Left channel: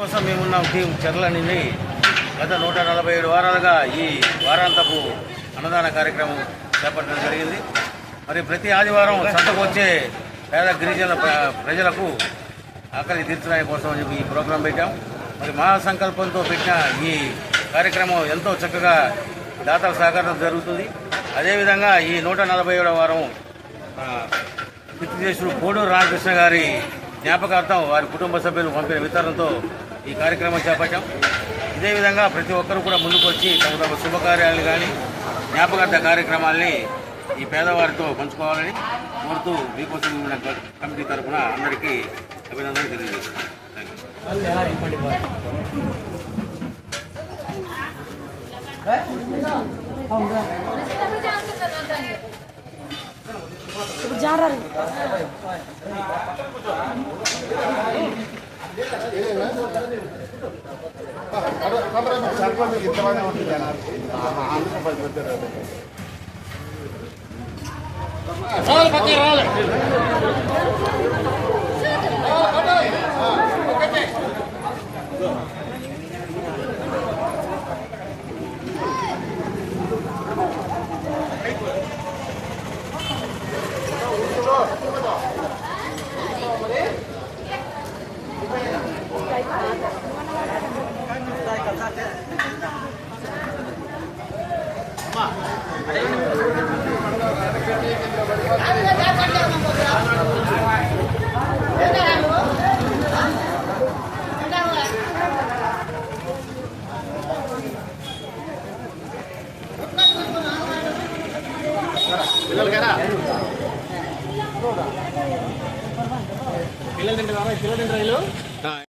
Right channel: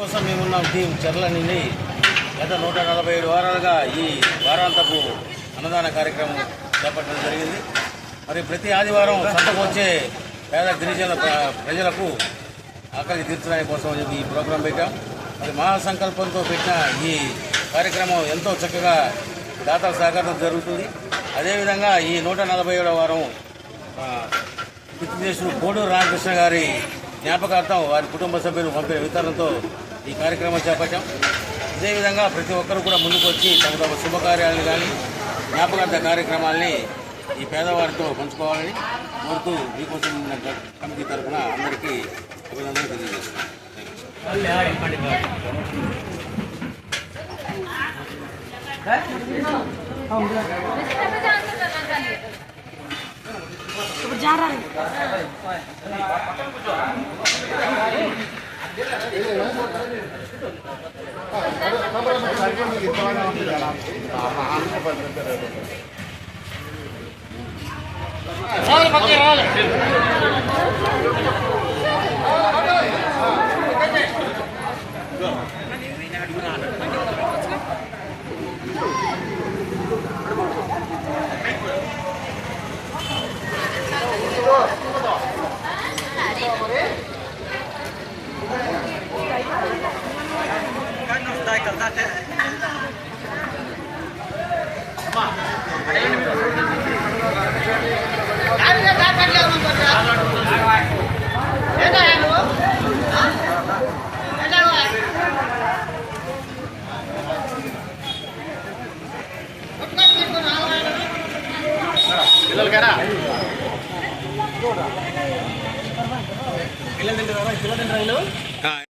కోసం మేమున్నాం టీం చెర్ల నుండి గత 147 వారాలుగా ఈ వారాంతపు అన్నదాన కార్యక్రమం చేపట్టడం జరిగింది. మరి ప్రతి ఆదివారం సంతకు వచ్చే పేద గిరిజన ప్రజలకు ఆకలి తీర్చడానికి కోసం ఈ ప్రోగ్రాం పెట్టాం. మరి మహాసంకల్పంతో పెట్టిన ఈ కార్యక్రమం ఎంతో చక్కగా దాతల సహకారం జరుగుతుంది. అదేవిధంగా ఈ 147వ వారం పితృదేశులు కోడూరు రామకృష్ణ గారి జ్ఞాపకార్థం వారి కుటుంబ సభ్యులు పంపిన వితరణతో ఈ కార్యక్రమం చేపట్టాం. ఇదేవిధంగా ప్రతి ఒక్కరు కూడా ముందుకు వచ్చి తమ తమ శుభకార్యాలను కానీ జ్ఞాపకార్థ కార్యక్రమాల్ని ఈ పేదవారితో పంచుకోవాలని కోరుతూ మీకోసం కమిటీ తరఫున అందరికీ అభినందనలు తెలియజేస్తున్నాను. పిల్లలు తింటారా?